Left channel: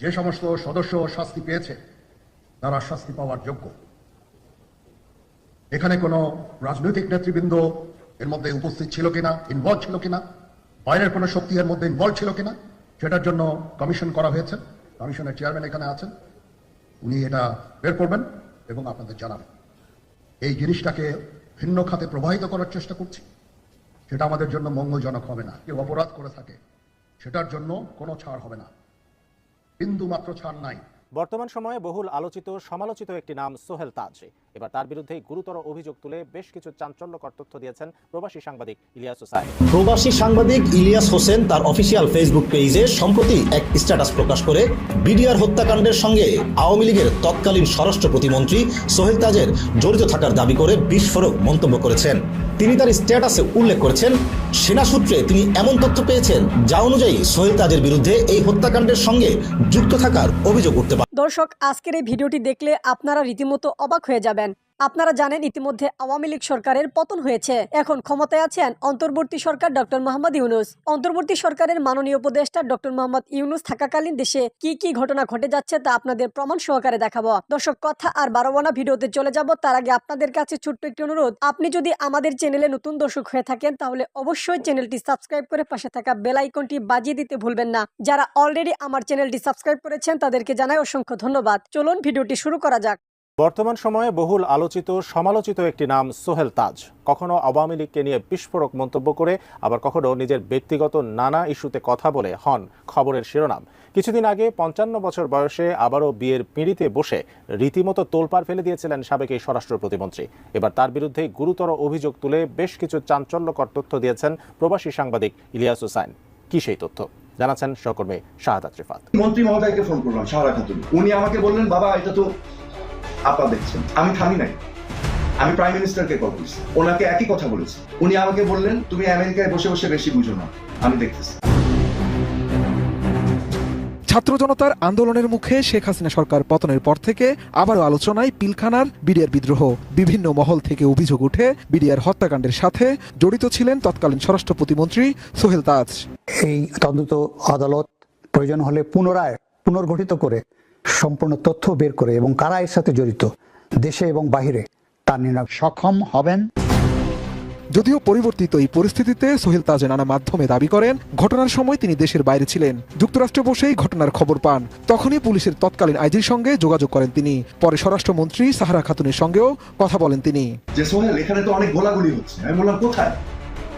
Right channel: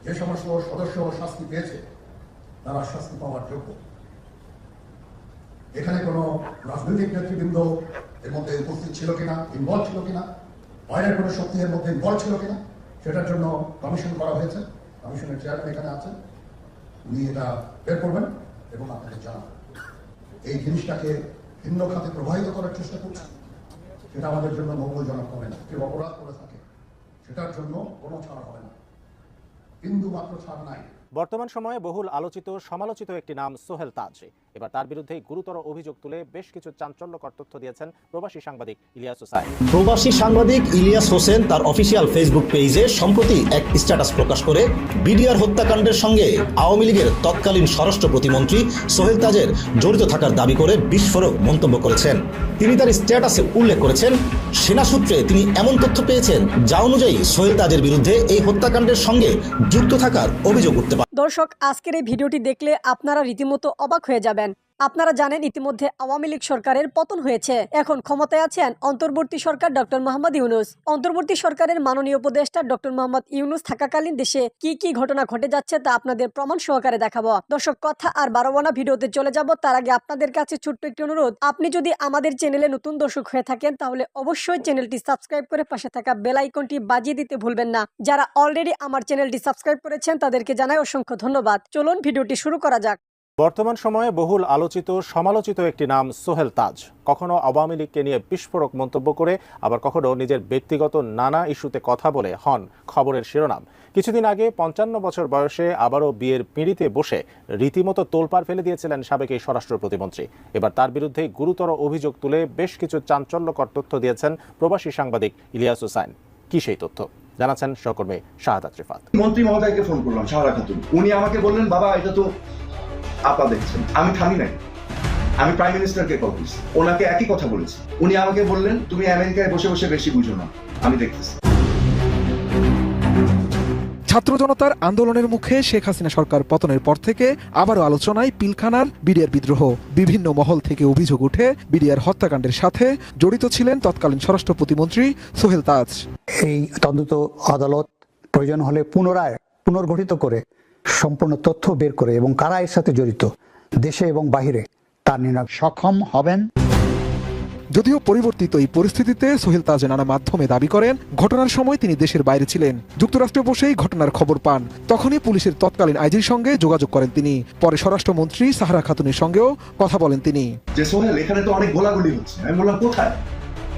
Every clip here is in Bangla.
যে সমস্ত সদস্য শাস্তি পেয়েছে তারা শাস্তি পাওয়ার যোগ্য। এখানে কোনো রাজনৈতিক নেতৃবৃন্দ এর মধ্যে উপস্থিত ছিল কিনা, ইনভলভ ছিল কিনা, বাইরের কোনো শক্তি এর মধ্যে ইনভলভ ছিল কিনা, সেটার জন্য কমিশন করা হয়েছে। কমিশনের চেয়ারম্যান এখানে আছেন, উনি এটা বের করবেন এবং আপনাদের জানান। এই জিনিসটাকে ভিন্ন খাতে প্রবাহিত করার চেষ্টা করছে, সেটা আমাদের জন্য মঙ্গলজনক হবে না। কেউ অপরাধ করে থাকে সেটার জন্য কোনো ছাড় হবে না, বিন্দু মাত্র ছাড় নাই। বর্তমান সময়ে বহুল আলোচিত সমালোচিত একটি নাম সোহেল তাজ। এবার তার বিরুদ্ধে গুরুতর অভিযোগ তুলে বেশ কিছু চাঞ্চল্যকর তথ্য দিয়েছেন প্রবাসী সাংবাদিক ইলিয়াস হোসেন। প্রবাসী সাংবাদিক ইলিয়াস হোসেন তার অফিসিয়াল ফেসবুক পেজে সম্প্রতি এক স্ট্যাটাস প্রকাশ করে বিডিআর হত্যাকাণ্ডের সঙ্গে আওয়ামী লীগের তৎকালীন স্বরাষ্ট্র প্রতিমন্ত্রী সোহেল তাজের জড়িত থাকার দাবি করে বিস্ফোরক মন্তব্য করেছেন। তিনি তার স্ট্যাটাসে উল্লেখ করেছেন, সেনা সূত্রে তিনি এমন তথ্য পেয়েছেন যা অনুযায়ী সোহেল তাজের বিরুদ্ধে এই হত্যাকাণ্ডের সঙ্গে যুক্ত থাকার অভিযোগ উঠতে পারে। দর্শক, আজকের এই ভিডিওটি দেখলে আপনারা রীতিমতো অবাক হয়ে যাবেন। আপনারা জানেন ইতিমধ্যে আওয়ামী লীগ সরকারের পতন হয়েছে। এখন ক্ষমতায় আছেন অন্তর্বর্তী সরকার ডক্টর মোহাম্মদ ইউনূস। অন্তর্বর্তী সরকারের মাননীয় উপদেষ্টা ডক্টর মোহাম্মদ ইউনূস থাকাকালীন দেশে কি কি ঘটনা ঘটে যাচ্ছে তা আপনাদের প্রমাণ সহকারে দেখাবো। দর্শক, কথা আর বাড়াবো না, ভিডিওতে চলে যাব। তার আগে আপনাদের কাছে ছোট্ট একটি অনুরোধ, আপনি যদি আমাদের চ্যানেলে নতুন দর্শক হয়ে থাকেন তাহলে অবশ্যই চ্যানেলটি সাবস্ক্রাইব করে পাশে থাকা বেল আইকনটি বাজিয়ে দিতে ভুলবেন না। যারা অলরেডি আমার চ্যানেলটি সাবস্ক্রাইব করেছেন তাদেরকে জানাই অসংখ্য ধন্যবাদ। চলুন ভিডিওটি শুরু করা যাক। বর্তমান সময়ে বহুল আলোচিত সমালোচিত একটি নাম সোহেল তাজ। কখনো আওয়ামী লীগকে নিয়ে বিস্ফোরক মন্তব্য করে, আবার কখনো নিজের ব্যক্তিগত নানা ইস্যুতে কথা বলে হন খবরের শিরোনাম। কিছুদিন আগে 55 বছর বয়সে আবারও বিয়ের পিঁড়িতে বসে রীতিমতো তোলপাড় ফেলে দিয়েছিলেন সাবেক এই স্বরাষ্ট্র প্রতিমন্ত্রী। এবার তার বিরুদ্ধে গুরুতর অভিযোগ তুলে বেশ কিছু চাঞ্চল্যকর তথ্য দিয়েছেন প্রবাসী সাংবাদিক ইলিয়াস হোসেন। কি সেই তথ্য জানাচ্ছেন সহকর্মী শাহাদাত রিফাত। মন্ত্রী মহোদয়কে ফোন করলাম, শাহাদাত খাতুন। উনি আমাকে বললেন, বাবা এটা তো আপা দেখছেন। আমি থামি নাই, আমি প্রাইম মিনিস্টারকে কল করছি, ওনাকে একই কথা বলেছি। উনি আমাকে বললেন, তুমি আমেরিকায় বসে বসে বেশি বুঝো না, আমি দেখতেছি। ছাত্র জনতার আন্দোলনের মুখে শেখ হাসিনা সরকার পতনের পর থেকে আবার আলোচনায় পিলখানার বিডিআর বিদ্রোহ। বিভিন্ন মহল থেকে অভিযোগ উঠে বিডিআর হত্যাকাণ্ডের সাথে জড়িত ছিলেন তৎকালীন স্বরাষ্ট্র প্রতিমন্ত্রী সোহেল তাজ। এই তদন্ত আদালত প্রয়োজন হলে পুনর্গঠিত করে সম্পূর্ণ তথ্য বের করে এবং কারা এর সাথে জড়িত দেশে এবং বাহিরে তা নির্ণয় সক্ষম হবেন। যদিও পরিবর্তিত এই পরিস্থিতিতে সোহেল তাজ নানা মাধ্যমে দাবি করেন ঘটনার সময় তিনি দেশের বাইরে ছিলেন। যুক্তরাষ্ট্রে বসেই ঘটনার খবর পান। তখনই পুলিশের তৎকালীন আইজির সঙ্গে যোগাযোগ করেন তিনি। পরে স্বরাষ্ট্রমন্ত্রী সাহারা খাতুনের সঙ্গেও কথা বলেন তিনি। যে সোহেল, এখানে তো অনেক গোলাগুলি হচ্ছে। আমি বললাম, কোথায়?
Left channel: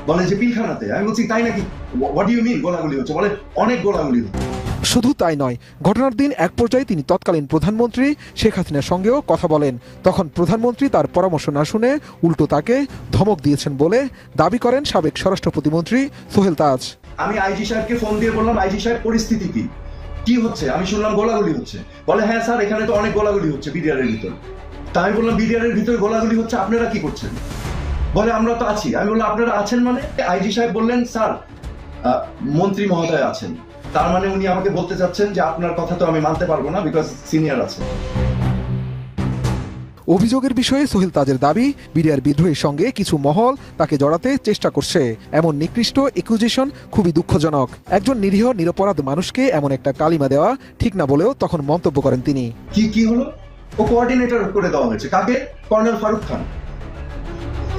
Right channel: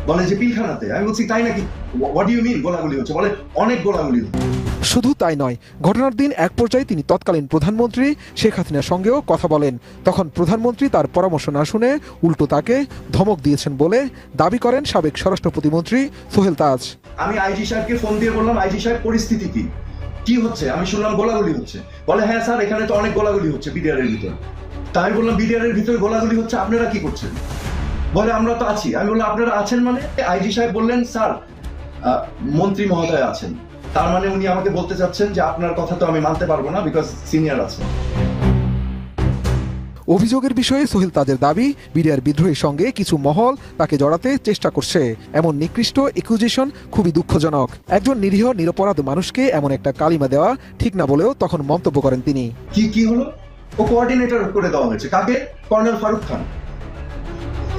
বলে যে পিলখানাতে। আমি বলছি, তাই নাকি? হোয়াট ডু ইউ মিন গোলাগুলি হচ্ছে? বলে অনেক গোলাগুলি হচ্ছে। শুধু তাই নয়, ঘটনার দিন এক পর্যায়ে তিনি তৎকালীন প্রধানমন্ত্রী শেখ হাসিনার সঙ্গেও কথা বলেন। তখন প্রধানমন্ত্রী তার পরামর্শ না শুনে উল্টো তাকে ধমক দিয়েছেন বলে দাবি করেন সাবেক স্বরাষ্ট্র প্রতিমন্ত্রী সোহেল তাজ। আমি আইজি সাহেবকে ফোন দিয়ে বললাম, আইজি সাহেব পরিস্থিতি কি হচ্ছে? আমি শুনলাম গোলাগুলি হচ্ছে। বলে, হ্যাঁ স্যার, এখানে তো অনেক গোলাগুলি হচ্ছে বিডিআর এর ভিতরে। তাই বললাম, বিডিআর এর ভিতরে গোলাগুলি হচ্ছে, আপনারা কি করছেন? বলে, আমরা তো আছি। আমি বললাম, আপনারা আছেন মানে? আইজি সাহেব বললেন, স্যার মন্ত্রী মহোদয় আছেন। তার মানে উনি আমাকে বলতে চাচ্ছেন যে আপনার কথা তো আমি মানতে পারবো না, বিকজ সিনিয়র আছে। অভিযোগের বিষয়ে সোহেল তাজের দাবি, বিডিআর বিদ্রোহের সঙ্গে কিছু মহল তাকে জড়াতে চেষ্টা করছে। এমন নিকৃষ্ট একুজেশন খুবই দুঃখজনক। একজন নিরীহ নিরপরাধ মানুষকে এমন একটা কালিমা দেওয়া ঠিক না বলেও তখন মন্তব্য করেন তিনি। কি হলো? ও কোঅর্ডিনেটর করে দেওয়া হয়েছে। কাকে? Colonel Farooq Khan,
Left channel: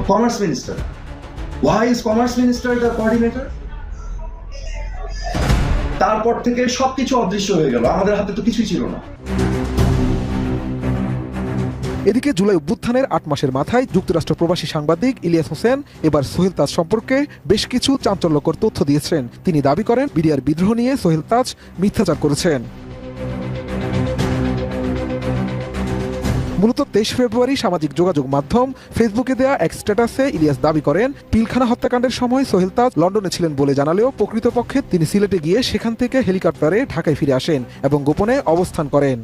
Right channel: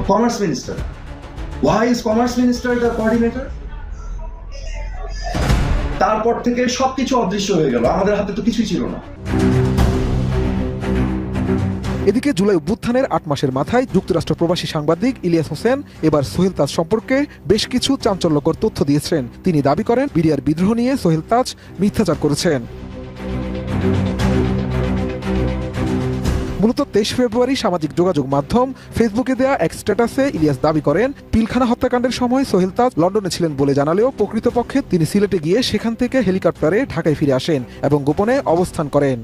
commerce minister. Why is commerce minister the coordinator? তারপর থেকে সবকিছু অদৃশ্য হয়ে গেল, আমাদের হাতে তো কিছুই ছিল না। এদিকে জুলাই অভ্যুত্থানের 8 মাসের মাথায় যুক্তরাষ্ট্র প্রবাসী সাংবাদিক ইলিয়াস হোসেন এবার সোহেল তাজ সম্পর্কে বেশ কিছু চাঞ্চল্যকর তথ্য দিয়েছেন। তিনি দাবি করেন বিডিআর বিদ্রোহ নিয়ে সোহেল তাজ মিথ্যাচার করেছেন। মূলত 23 ফেব্রুয়ারি সামাজিক যোগাযোগ মাধ্যম ফেসবুকে দেয়া এক স্ট্যাটাসে ইলিয়াস দাবি করেন পিলখানা হত্যাকাণ্ডের সময় সোহেল তাজ লন্ডনে ছিলেন বলে জানালেও প্রকৃতপক্ষে তিনি সিলেটে গিয়ে সেখান থেকে হেলিকপ্টারে ঢাকায় ফিরে আসেন এবং গোপনে অবস্থান করেন।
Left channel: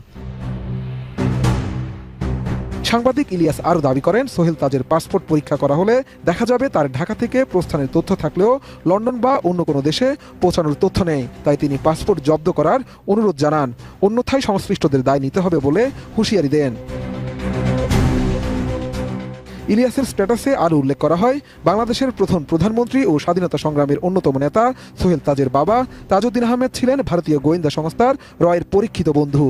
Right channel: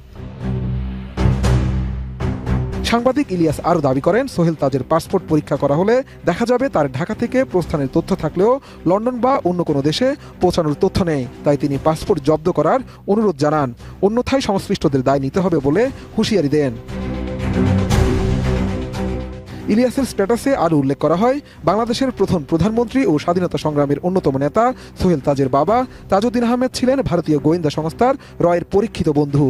সাংবাদিক ইলিয়াস আরও দাবি করেন সোহেল তাজের পাসপোর্ট পরীক্ষা করা হলে দেখা যাবে তার ঢাকা থেকে প্রস্থানের তথ্য থাকলেও লন্ডন বা অন্য কোনো দেশে পৌঁছানোর তথ্য নেই। তাই তিনি পাসপোর্ট জব্দ করার অনুরোধ জানান। অন্যথায় সংশ্লিষ্টদের দায় নিতে হবে বলে হুঁশিয়ারি দেন। ইলিয়াসের স্ট্যাটাসে আরও উল্লেখ করা হয় বাংলাদেশের প্রথম প্রধানমন্ত্রী ও স্বাধীনতা সংগ্রামের অন্যতম নেতা সোহেল তাজের বাবা তাজউদ্দিন আহমেদ ছিলেন ভারতীয় গোয়েন্দা সংস্থার রয়ের পরীক্ষিত বন্ধু।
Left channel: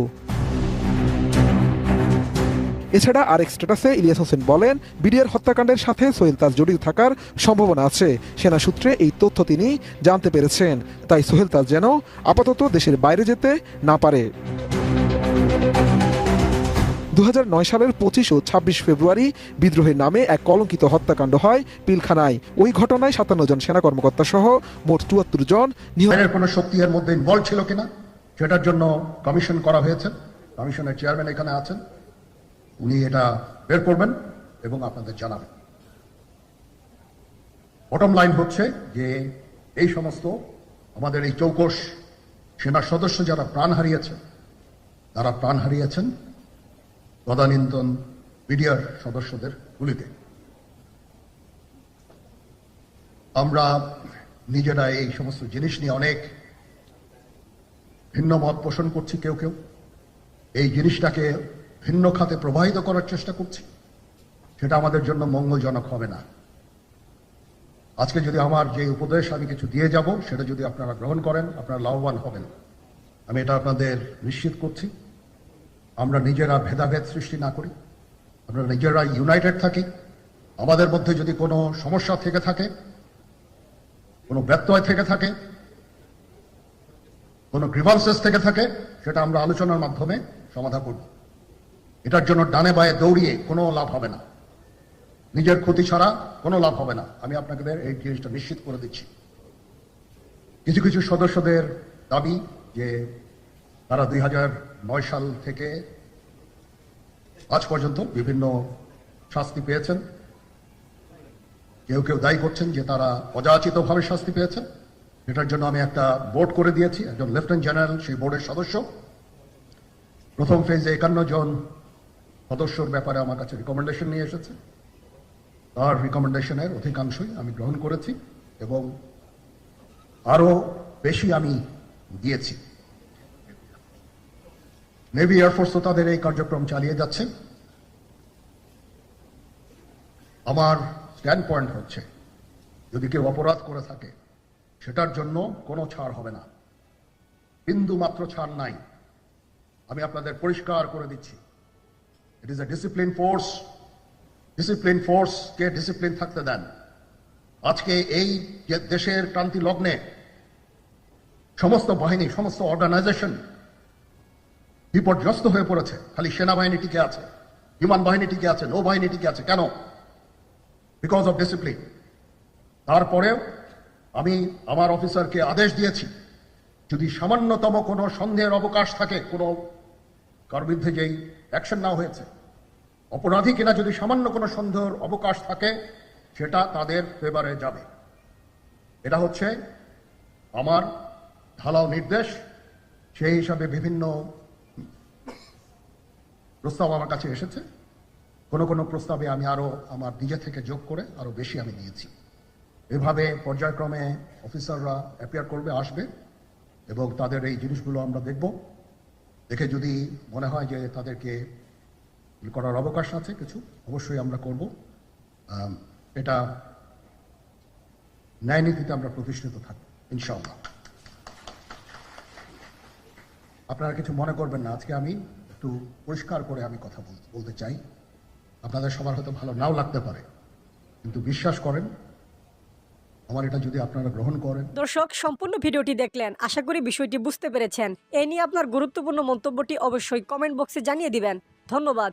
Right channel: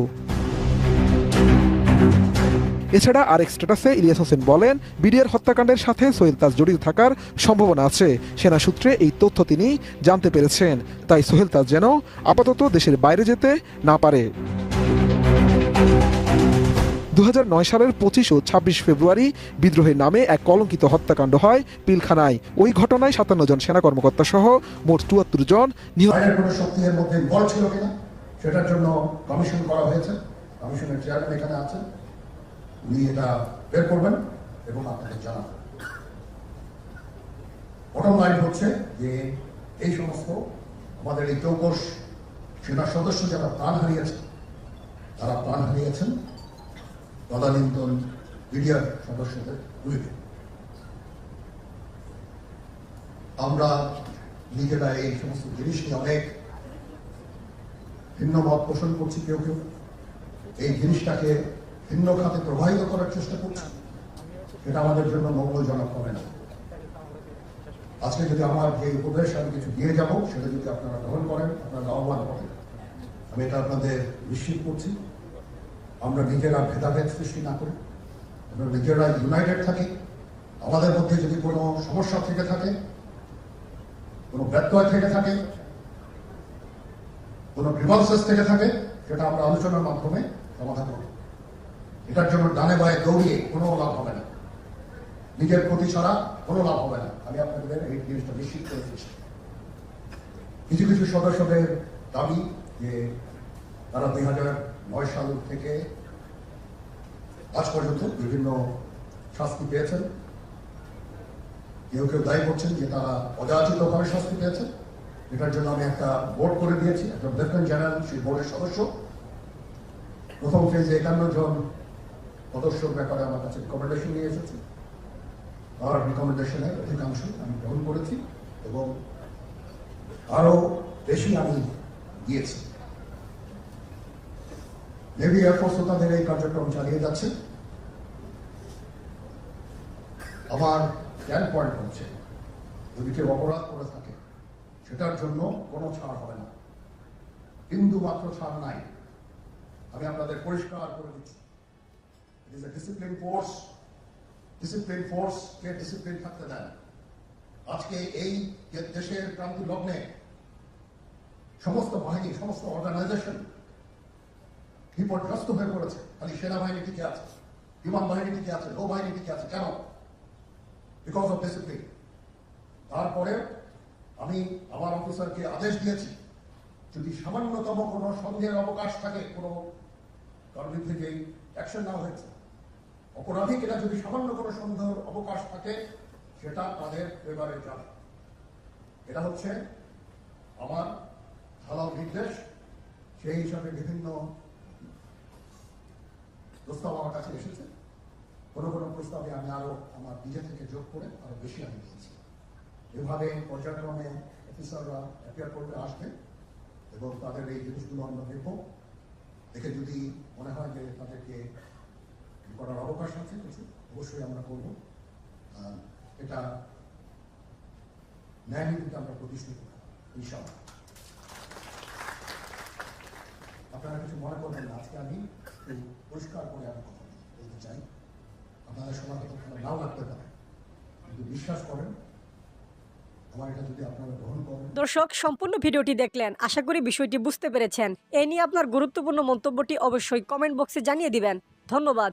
এছাড়া আরেক স্ট্যাটাসে ইলিয়াস হোসেন বলেন, বিডিআর হত্যাকাণ্ডের সাথে সোহেল তাজ জড়িত থাকার সম্ভাবনা আছে। সেনা সূত্রে এই তথ্য তিনি জানতে পেরেছেন, তাই সোহেল তাজ যেন আপাতত দেশের বাইরে যেতে না পারে। 2009 সালের 25 ও 26 ফেব্রুয়ারি বিদ্রোহের নামে এক কলঙ্কিত হত্যাকাণ্ড হয় পিলখানায়। ওই ঘটনায় 57 জন সেনা কর্মকর্তা সহ মোট 74 জন নিহত। বাইরের কোনো শক্তি এর মধ্যে ইনভলভ ছিল কিনা সেটার জন্য কমিশন করা হয়েছে। কমিশনের চেয়ারম্যান এখানে আছেন, উনি এটা বের করবেন এবং আপনাদের জানাবেন। বটম লাইন হচ্ছে যে এই সমস্ত আমাদের এই চৌকস সেনার সদস্য যারা প্রাণ হারিয়েছে, তারা প্রাণ হারিয়েছেন তদানীন্তন বিডিআর সদস্যদের গুলিতে। আমরা নিজেরা এই সমস্ত জিনিস নিয়ে অনেক ভিন্ন মত পোষণ করছি, কেউ কেউ এই জিনিসটাকে ভিন্ন খাতে প্রবাহিত করার চেষ্টা করছে, সেটা আমাদের জন্য মঙ্গলজনক হবে না। আজকে যদি আমার যে উপদেশ আমি কিছু দিয়ে যাব সেটা যদি আপনারা গ্রহণ করেন, আপনারা লাভবান হবেন, আমি এটা আপনাদের নিশ্চিত করছি। আমরা নিজেরা ভেদাভেদ সৃষ্টি না করি, আমরা নিজেরা ইউনাইটেড থাকি। আমাদের মধ্যে যদি কোনো সমস্যা থেকে থাকে, কোনো ব্যত্যয় থেকে থাকে, কোনো গ্রিভান্সেস থেকে থাকে, সেটা আমরা আলোচনার মাধ্যমে সমাধান করব। এটার জন্য ডানে বায়ে দৌড়িয়ে কোনো লাভ হবে না, নিজের ক্ষতি ছাড়া কোনো লাভ হবে না। আমি আপনাদের এই জিনিসটা নিশ্চিত করে দিচ্ছি। কিছু কিছু সদস্যদের দাবি যে তারা 2009 সাল থেকে আজ পর্যন্ত বিভিন্ন শাস্তি পেয়েছেন। কেউ কেউ দায়ী করছেন যে তারা অযাচিতভাবে শাস্তি পেয়েছেন। এটার জন্য আমি একটা বোর্ড করে দিয়েছি, একজন লেফটেন্যান্ট জেনারেল সেই বোর্ডের সদস্য। প্রথম ফেজে 51 জন সদস্যর ব্যাপারে আমার কাছে রিকমেন্ডেশন নিয়ে এসেছে। তার রিকমেন্ডেশনের অধিকাংশই আমি গ্রহণ করেছি এবং আরো বেশি আমি দিয়েছি। নেভি এয়ারফোর্সও তাদের এই কার্যক্রম চালিয়ে যাচ্ছে। আমার স্ট্যান্ড পয়েন্ট হচ্ছে, যদি কেউ অপরাধ করে থাকে সেটার জন্য কোনো ছাড় হবে না, বিন্দু মাত্র ছাড় নাই। আমি আপনাদের পরিষ্কার করে দিচ্ছি, it is a discipline force. Discipline ফোর্সকে ডিসিপ্লিন থাকতে দেন। আজকে এই যে দেশের ক্রান্তি লগ্নে সমস্ত বাহিনী, সমস্ত অর্গানাইজেশন বিপর্যস্ত হয়ে পড়েছে। খালি সেনাবাহিনী টিকে আছে, বিমান বাহিনী টিকে আছে, নৌবাহিনী টিকে আছে। কেন? Because of discipline. তারপরে আমি আমার অফিসারকে আদেশ দিয়েছি, যদি সামান্যতম কোনো সন্দেহের অবকাশ থাকে, কোনো কার বিরুদ্ধে যেই অ্যাকশন নেওয়া হয়েছে, অপরাধী কিনা যদি সামান্য কোনো সন্দেহের অবকাশ থাকে, সেটা তাদের ফেভারে যাবে। এটা হচ্ছে আমার ঢালাও নির্দেশ। সেই হিসাবে বিভিন্ন প্রস্তাব আমার কাছে এসেছে। কোনো কোনো প্রস্তাবে আমি আরো আমার নিজে থেকে যোগ করে আরো বেশি আমি দিয়েছি। এভাবে পর্যায়ক্রমে অফিসাররা অ্যাপিয়ার করবে, আসবে এবং তাদের এই জিনিসগুলো আমরা দেখব। দেখে যদি মনে হয় যে তাদেরকে করার অবকাশ আছে কিছু, অবশ্যই আমরা করব। এটা ন্যায় নীতিতে আমরা প্রতিষ্ঠিত থাকব ইনশাআল্লাহ। আপনারা কিছু মনে করবেন না, আজকে আমি একটু পরিষ্কার করে আমি কথা বলতে চাই। আপনাদের সবার হয়তো ভালো নাও লাগতে পারে, কিন্তু বিশ্বাস করেন আমার এটা যদি আপনারা গ্রহণ করেন। দর্শক, সম্পূর্ণ ভিডিওটি দেখলেন, আশা করি বিষয়টি বুঝতে পেরেছেন। এই নিয়ে আপনার গুরুত্বপূর্ণ মন্তব্যটি অবশ্যই কমেন্ট বক্সে জানিয়ে দিবেন। ধন্যবাদ।